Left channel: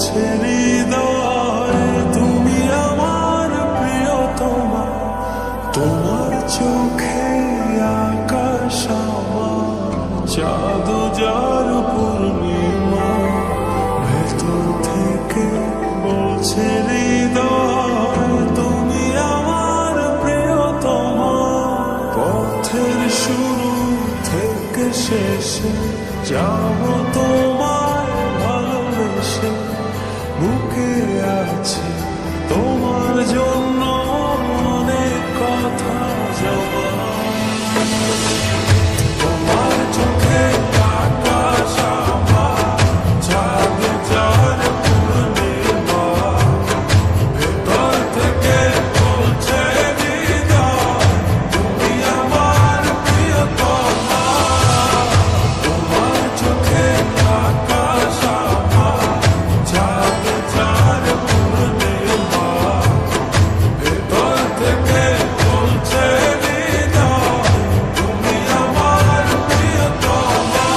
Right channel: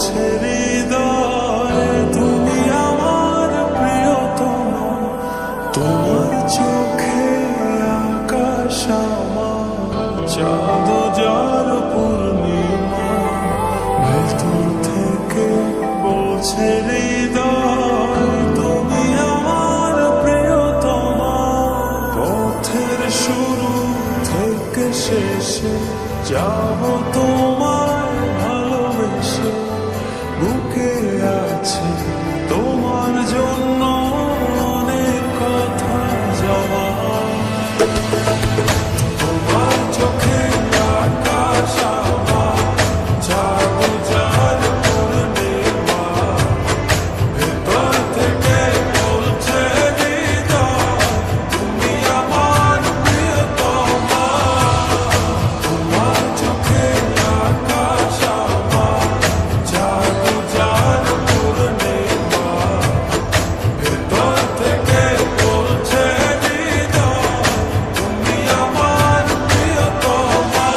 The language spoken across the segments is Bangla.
বলছে হৃদয় তুমি আমার প্রিয়তমা। তোমার চোখে আকাশ আমার, চাঁদ যার পূর্ণিমা। ভেতর থেকে বলছে হৃদয় তুমি আমার প্রিয়তমা। পথের শুরু থেকে শেষে যাব তোমায় ভালোবেসে। বুকে আছে তোমার জন্য অনেক কথা জমা। তোমার চোখে আকাশ আমার, চাঁদ যার পূর্ণিমা। ভেতর থেকে বলছে হৃদয় তুমি আমার প্রিয়তমা। তোমার চোখে আকাশ আমার, চাঁদ যার পূর্ণিমা। ভেতর থেকে বলছে হৃদয় তুমি আমার প্রিয়তমা।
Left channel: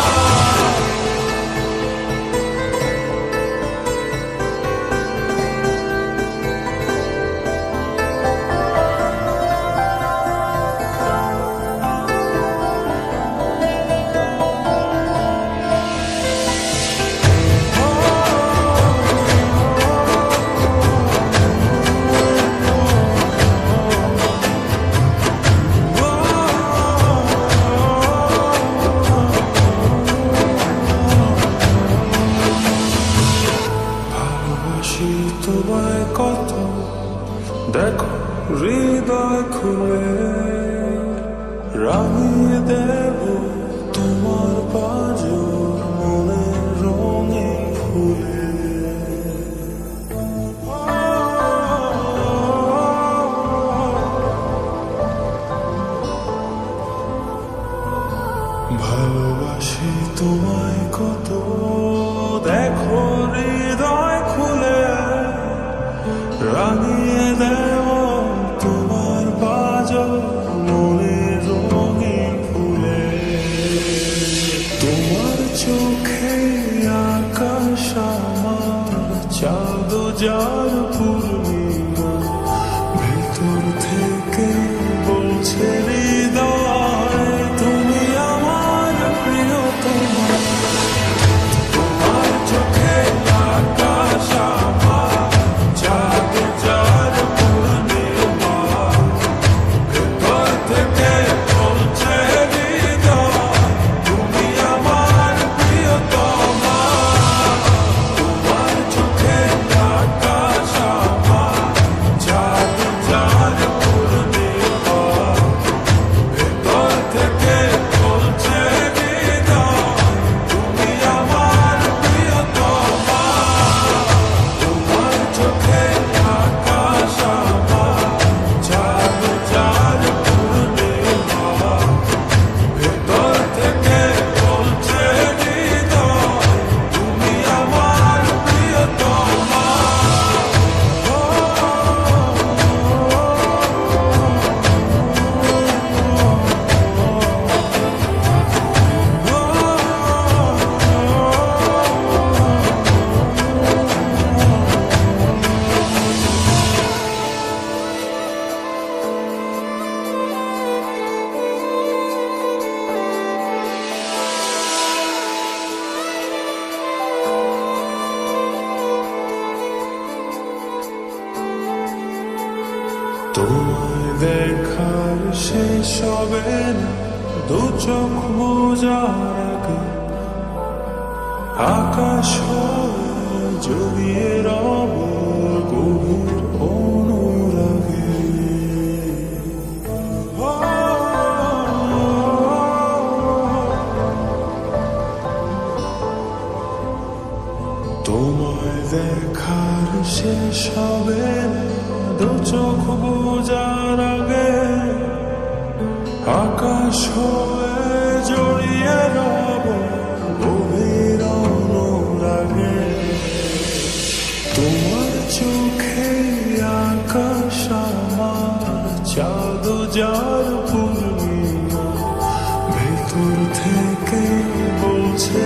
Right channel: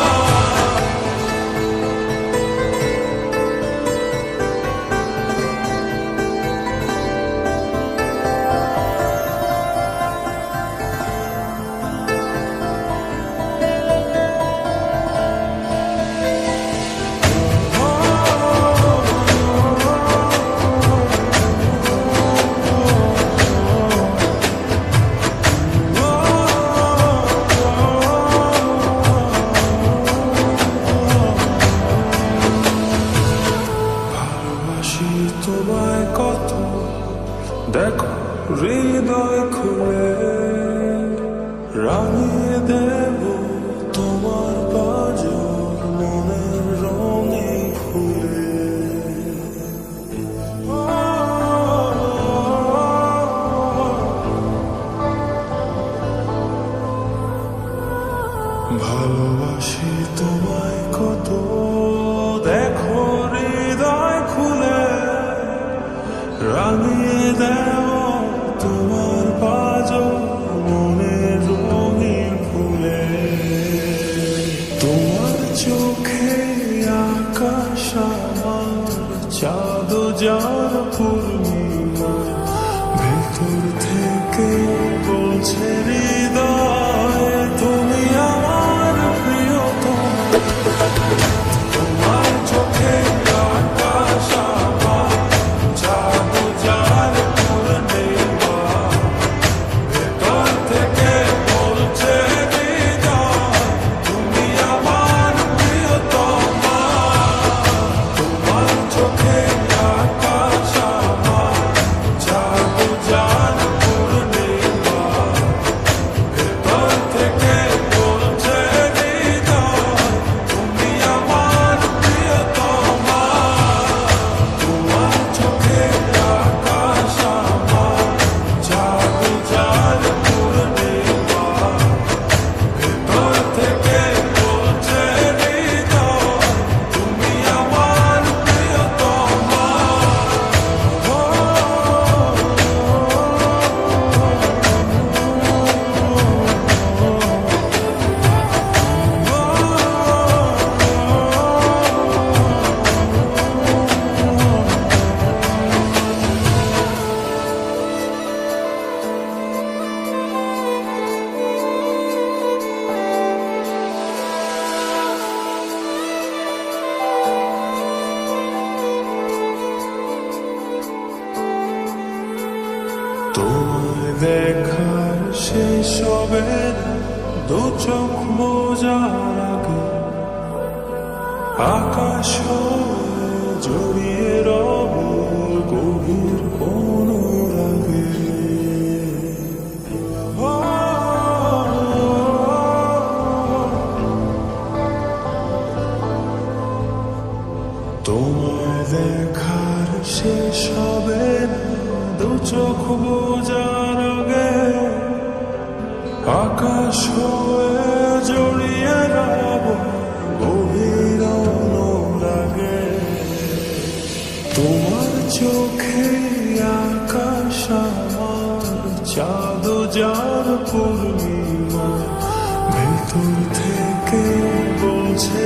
ভালোবাসি তোমায় কত, দেখো হৃদয় খুলে। রাঙিয়ে দেব তোমার পাঁজর মনের রঙে ফুলে। ভালোবাসি তোমায় কত, দেখো হৃদয় খুলে। রাঙিয়ে দেব তোমার পাঁজর মনের রঙিন ফুলে। তোমার চোখে আকাশ আমার, চাঁদ যার পূর্ণিমা। ভেতর থেকে বলছে হৃদয় তুমি আমার প্রিয়তমা। তোমার চোখে আকাশ আমার, চাঁদ যার পূর্ণিমা। ভেতর থেকে বলছে হৃদয় তুমি আমার প্রিয়তমা। তোমার চোখে আকাশ আমার, চাঁদ যার পূর্ণিমা। ভেতর থেকে বলছে হৃদয় তুমি আমার প্রিয়তমা। তোমার চোখে আকাশ আমার, চাঁদ যার পূর্ণিমা। ভেতর থেকে বলছে হৃদয় তুমি আমার প্রিয়তমা। তোমায় দেখার শেষ হবে না দু চোখ বোঝার আগে। আকাশ হয়ে জড়িয়ে রব গভীর অনুরাগে। তোমায় দেখার শেষ হবে না দু চোখ বোঝার আগে। আকাশ হয়ে জড়িয়ে রব গভীর অনুরাগে। তোমার চোখে আকাশ আমার, চাঁদ যার পূর্ণিমা। ভেতর থেকে বলছে